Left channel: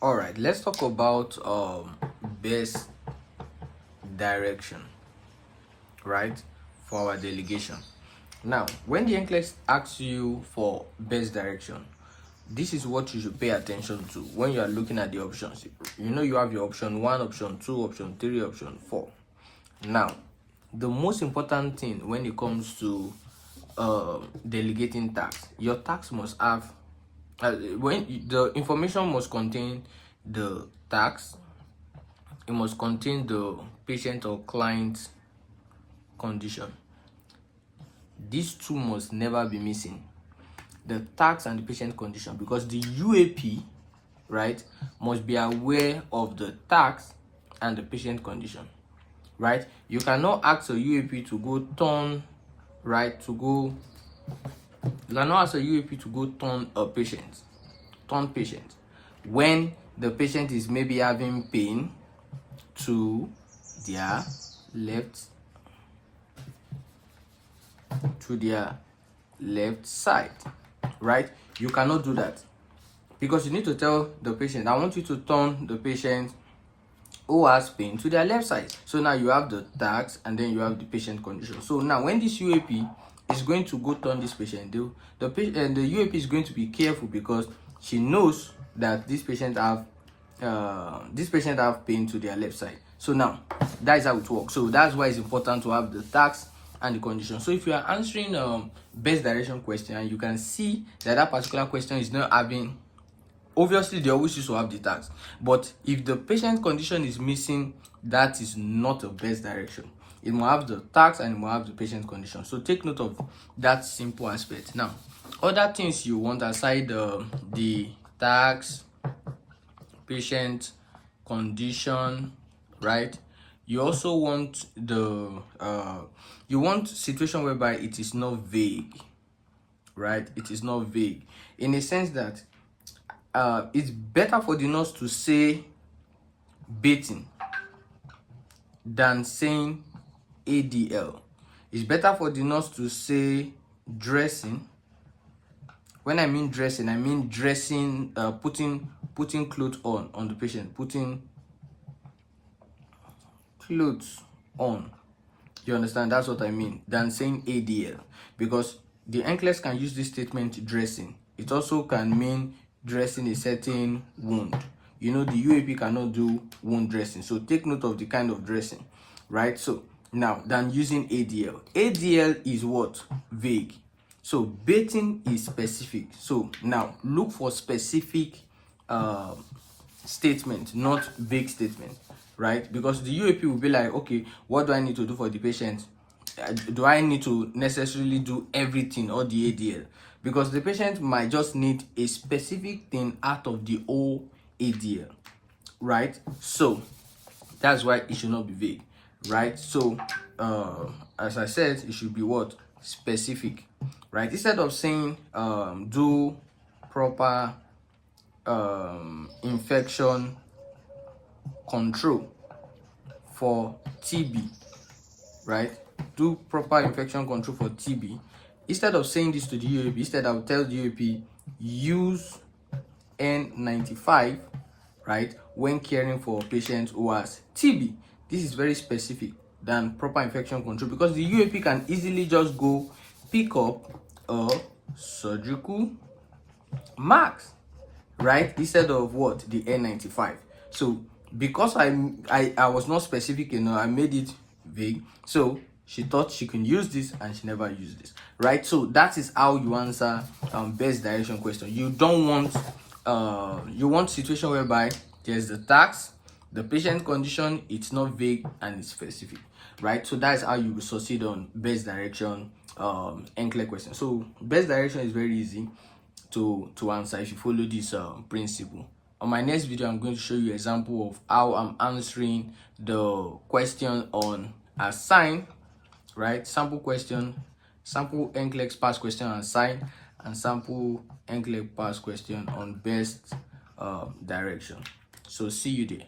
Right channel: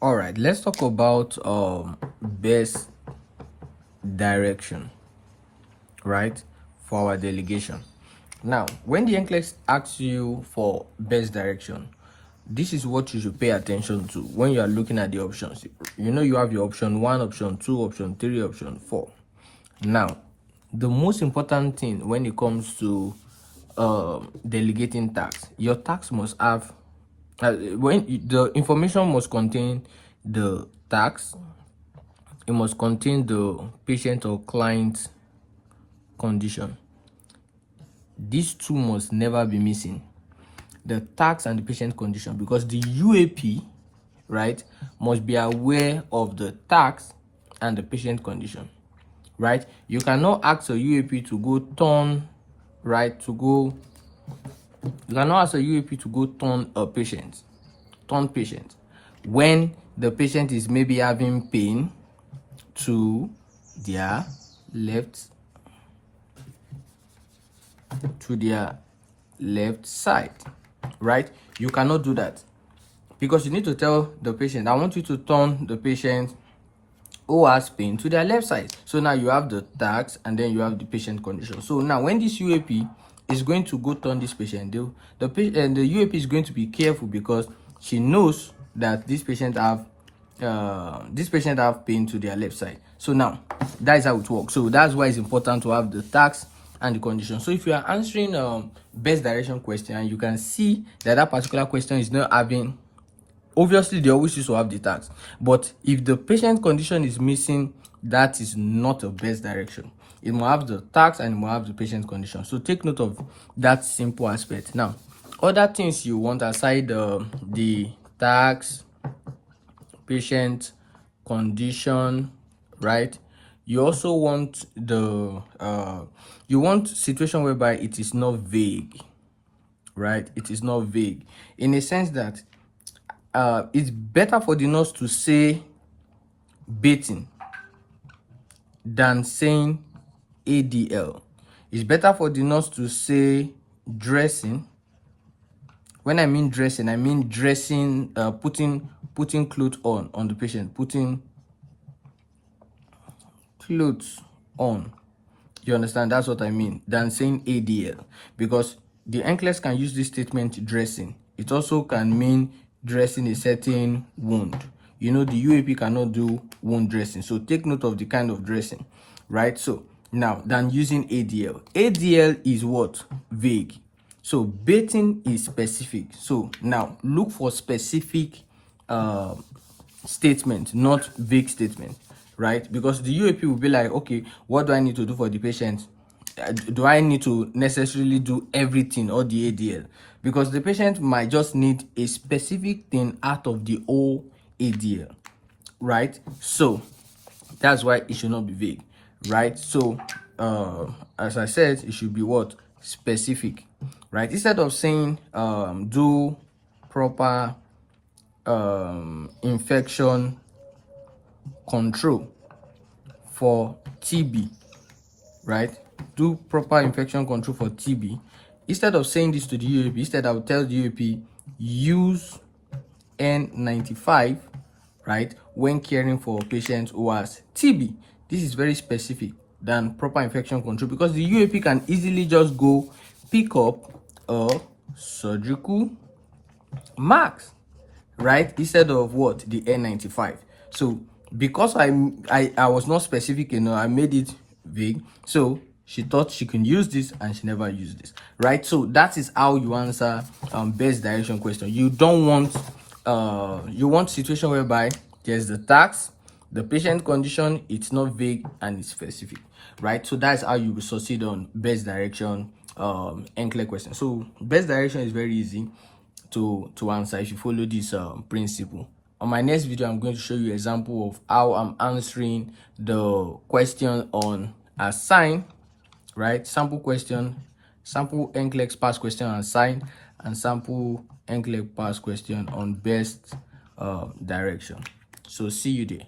All right, let's talk about best direction, right, for our delegation. Now, when the NCLEX asks you for best direction, this is what you should pay attention to when you are looking at the options. You know, you have your option 1, option 2, option 3, option 4. Now, the most important thing when it comes to delegating tax, your tax must have the information must contain the tax, it must contain the patient or client condition. These two must never be missing, the tax and the patient condition, because the UAP, right, must be aware of the tax and the patient condition, right? You cannot ask a UAP to go turn, right, to go, you cannot ask a UAP to go turn patient, when the patient is maybe having pain to their left side, right? You cannot do that, because you need to tell the patient, I want you to turn the patient who has pain to their left side. So now you have the tax and then you have the patient condition. So now when this UAP is going to go turn this patient, the UAP is going to be careful, because she knows that this patient have pain to their left side. So now that is how it works. So that's why it's important to have the tax and the condition. So if you are answering best direction question and you can see that that particular question is not having, obviously they always used to have the tax, but if the patient condition is missing, that is not a best direction. It will have the tax and it will have the patient condition. So take note of that simple aspect. Now, other things you want aside the tax, patient condition, right? You also want you want situation whereby it is not vague, right? It is not vague in a sense that it's better for the nurse to say bathing than saying ADL. It's better for the nurse to say dressing. When I mean dressing, I mean dressing, putting clothes on the patient, putting clothes on. You understand? That's what I mean, than saying ADL, because the NCLEX can use this statement dressing. It also can mean dressing a certain wound. You know, the UAP cannot do wound dressing, so take note of the kind of dressing, right? So now, than using ADL. ADL is what? Vague. So bathing is specific. So now look for specific statement, not vague statement, right? Because the UAP will be like, okay, what do I need to do for the patient? Do I need to necessarily do everything or the ADL? Because the patient might just need a specific thing out of the whole ADL, right? So that's why it should not be vague, right? So as I said, it should be what? Specific, right? Instead of saying do proper infection control for TB, right? Do proper infection control for TB. Instead of saying this to the UAP, instead I will tell the UAP use N95, right, when caring for patients who has TB. This is very specific than proper infection control, because the UAP can easily just go pick up a surgical mask, right, instead of what? The N95. So because I was not specific enough, I made it vague, so she thought she can use this and she never used this, right? So that is how you answer best direction question. You don't want you want situation whereby there's the tax, the patient condition, it's not vague and it's specific, right? So that's how you will succeed on best direction NCLEX question. So best direction is very easy to answer if you follow this principle. On my next video, I'm going to show you an example of how I'm answering the question on assign, right? Sample question, sample NCLEX pass question on assign, and sample NCLEX pass question on best direction. So see you there.